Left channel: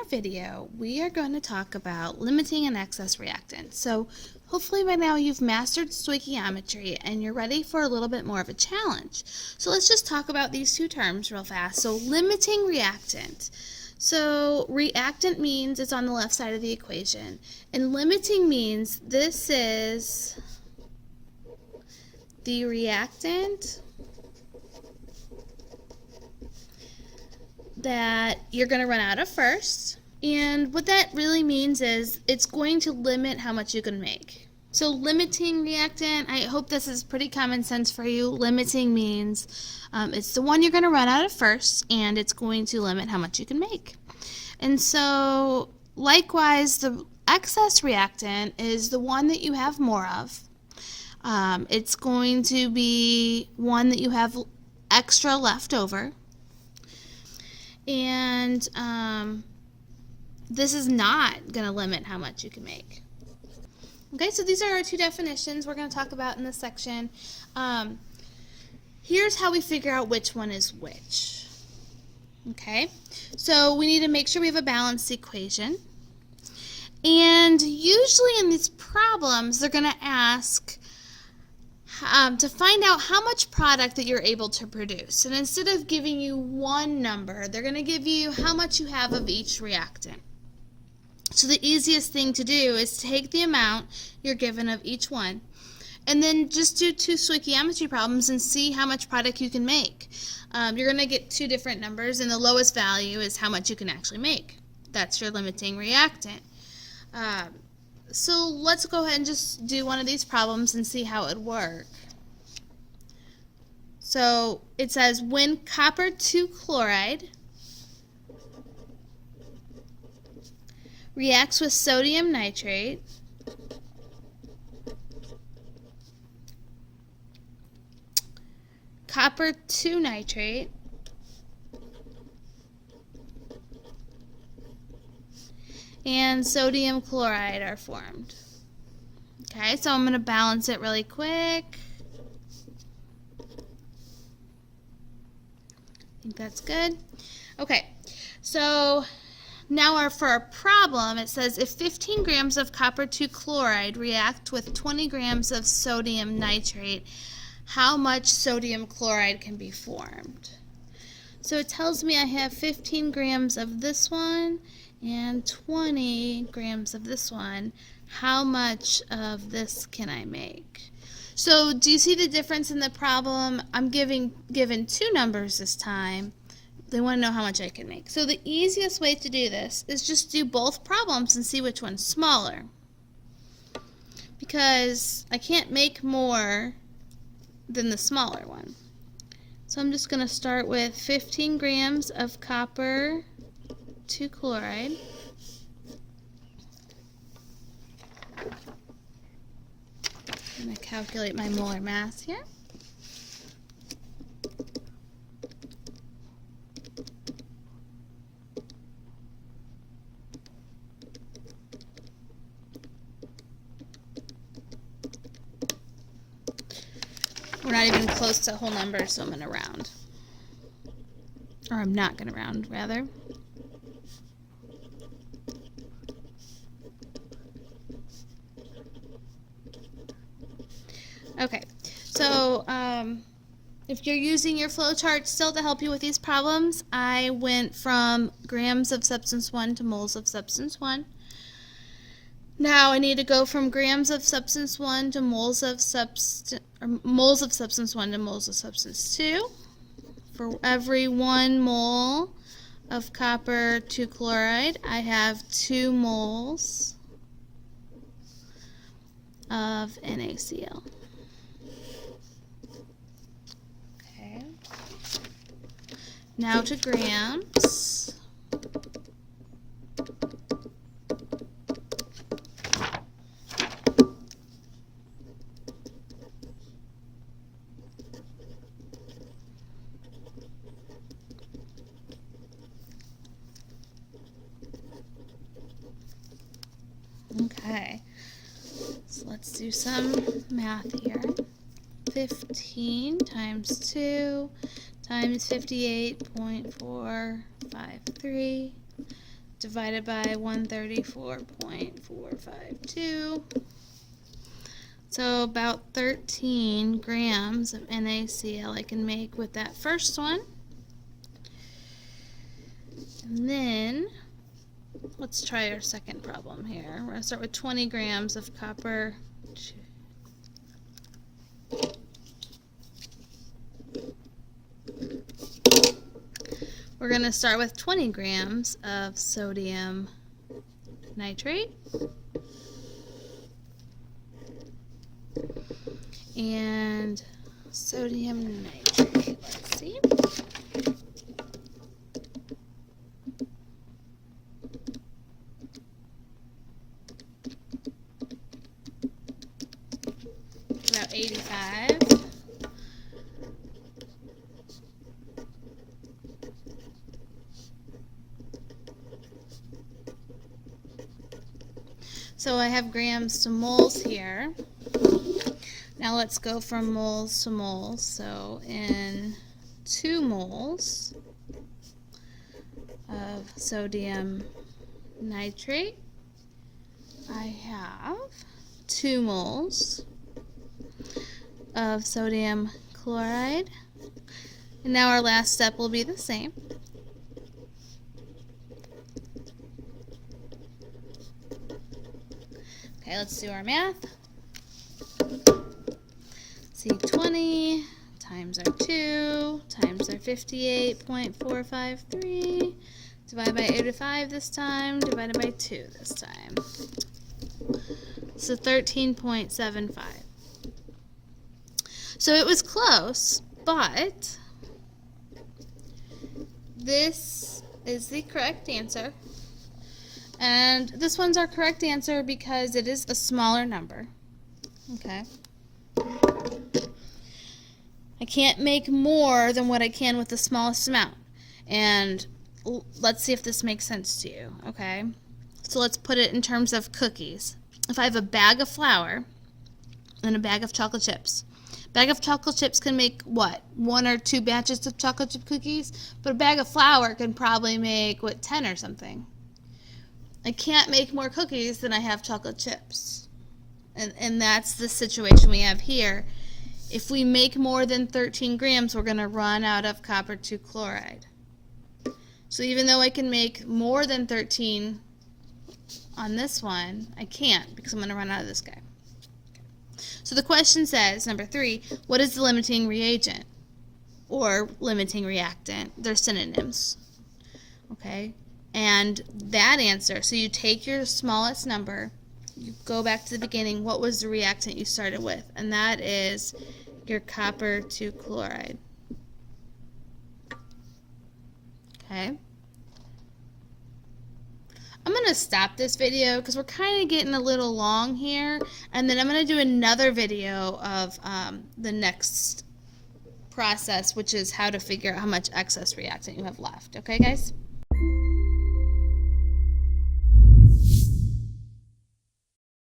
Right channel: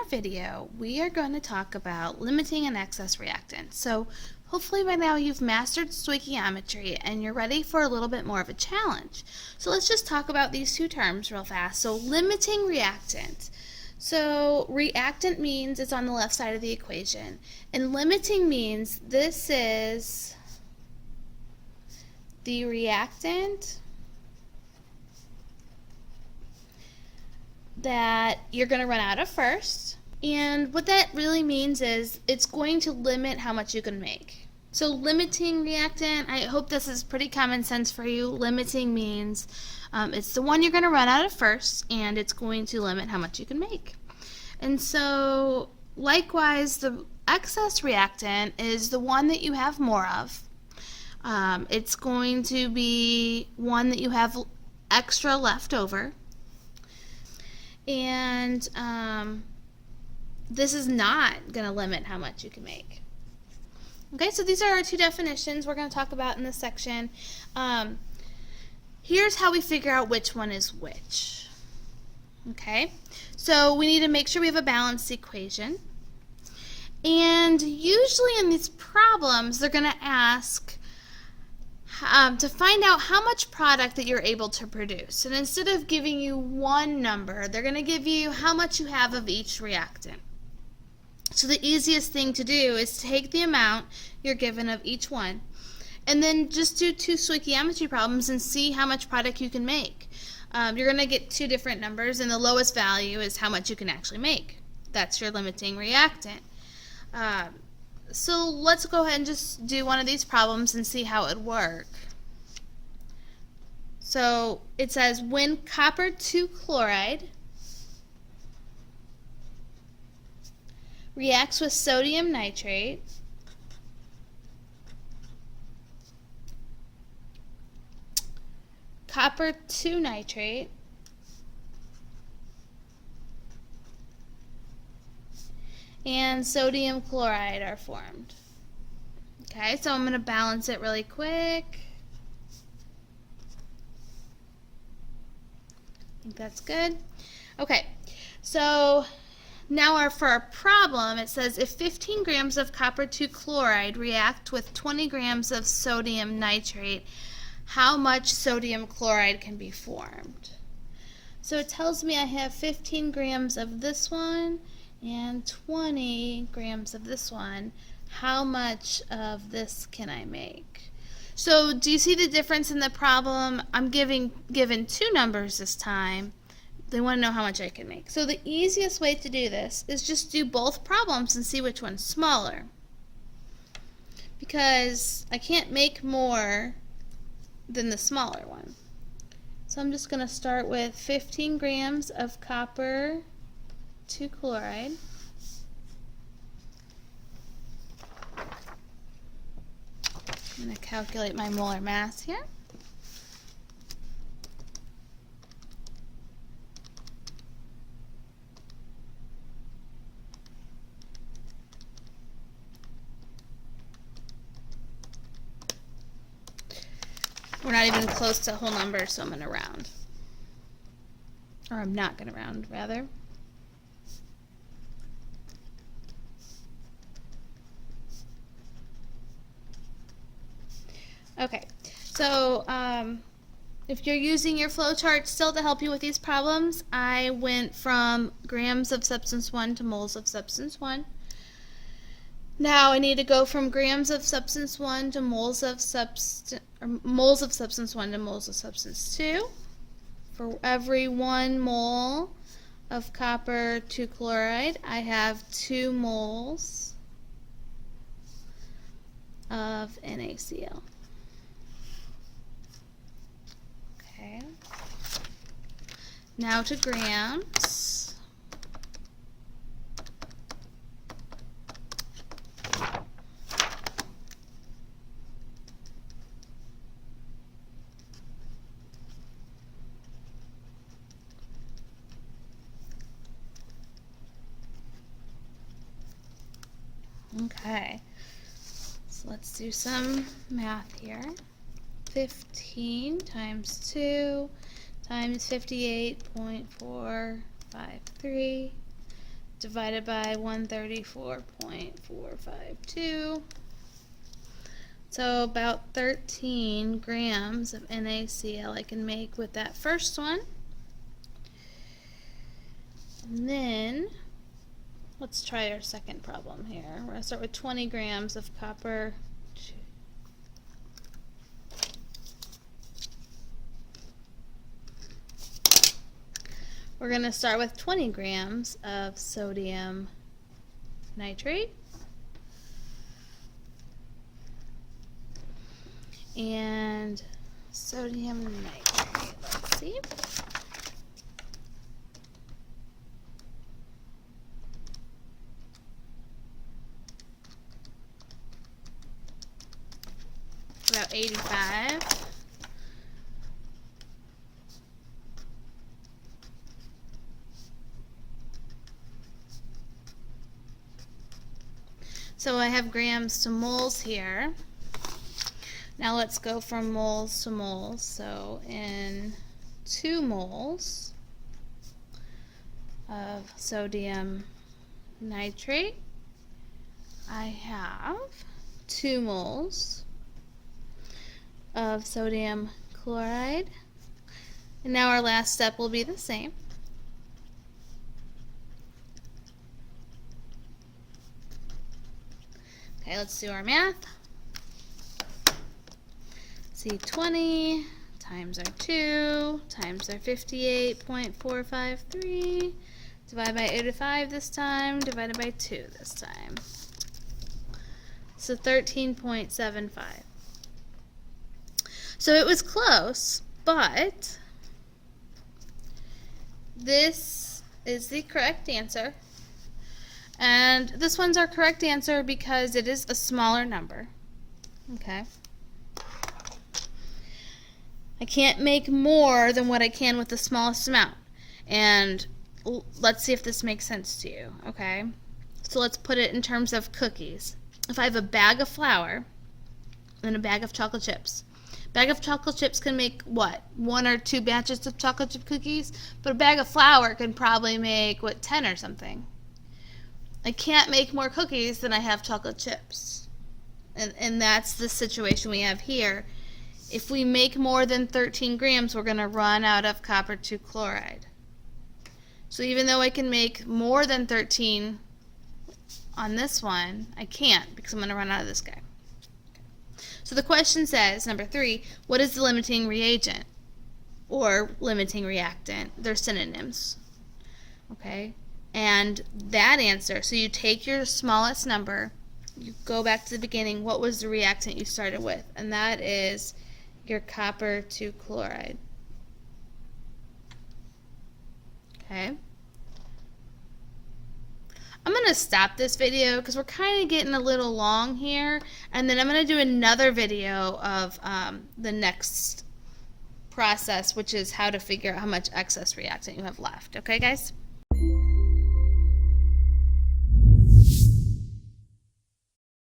our video, we are going to talk about limiting an excess reactant. So hopefully by now you've mastered stoichiometry and you're ready for a little bit more of a challenge. So let's just talk about these two terms real fast. So limiting reactant. So reactant means it's on the left side of the equation, and limiting means this is the reactant that you're going to run out of first. And what that really means is it's going to limit how much you can make. So limiting reactant, I hope this is pretty common sense for you. Limiting means it's the one you're going to run out of first, and it's going to limit how much you can make. And so likewise, the excess reactant is the one that you have more of. It's going to be one that you have extra left over. And this is not going to limit how much you can make. Okay, so these are our two definitions we're going to talk about in this section. Here's how we figure out which one is which. Okay, so we need to make sure we have a balanced equation. And usually in these problems, they're going to ask to find out how much product that you're able to produce. And instead of giving you one number, they're going to give you how much you have of each reactant. So the easiest thing to do is take the amount you're given of each one, and then just do two stoichiometry problems and see how much product you can make. You're going to get two different numbers, and the lowest value is how much you can actually make. That's your limiting reactant. So let's go ahead and just do one of these problems and see how it would work. So it says when copper 2 chloride reacts with sodium nitrate, copper 2 nitrate and sodium chloride are formed. Okay, so I'm going to balance it really quick. I think that's good. Okay, so now for our problem, it says if 15 grams of copper 2 chloride react with 20 grams of sodium nitrate, how much sodium chloride can be formed? So it tells me I have 15 grams of this one and 20 grams of this one. How much of this can I make? So do you see the difference in the problem? I'm given two numbers this time. They want to know how much I can make. So the easiest way to do this is just do both problems and see which one's smaller. Because I can't make more than the smaller one. So I'm just going to start with 15 grams of copper 2 chloride. I'm going to calculate my molar mass here. We're not even close to whole numbers, so I'm going to round. Or I'm not going to round, rather. Okay, so if you're using your flowchart still to help you with these problems, I went from grams of substance 1 to moles of substance 1. Now I need to go from grams of substance 1 to moles of substance 1 to moles of substance 2. For every 1 mole of copper 2 chloride, I have 2 moles of NaCl. Okay. Now to grams. Okay, so let's do some math here. 15 times 2 times 58.453 divided by 134.452. So about 13 grams of NaCl I can make with that first one. And then let's try our second problem here. We're going to start with 20 grams of copper. We're going to start with 20 grams of sodium nitrate. And sodium nitrate, let's see. About 85. So I have grams to moles here. Now let's go from moles to moles. So in 2 moles of sodium nitrate, I have 2 moles of sodium chloride. And now our last step will be the same. Okay, let's do our math. See, 20 times our 2 times our 58.453 divided by 85 this time, divided by 2 this time. So 13.75. So it was close, but this is the correct answer. And this one's our correct answer because it is a smaller number. Okay. I can't make more than what I can with the smallest amount. And let's see if this makes sense to you, okay? So let's put it in terms of cookies. If I have a bag of flour and a bag of chocolate chips, bag of chocolate chips can make what? 1 or 2 batches of chocolate chip cookies? But a bag of flour can probably make, what, 10 or something. I can't make more cookies than I have chocolate chips. And that's the situation we have here. If we make more than 13 grams, we're going to run out of copper 2 chloride. So even though I can make more than 13 on this one, I can't because I'm going to run out of this guy. Okay. So the question says, number 3, what is the limiting reagent or limiting reactant? They're synonyms. Okay? And that answer, so you take your smallest number, you go back to the beginning, what was the reactant you started with? And that is your copper 2 chloride. Okay. I'm going to stop this video because we're kind of getting a little long here, and then I'm going to do another video of the next process, which is how to figure out how much excess reactant you have left. Okay, guys?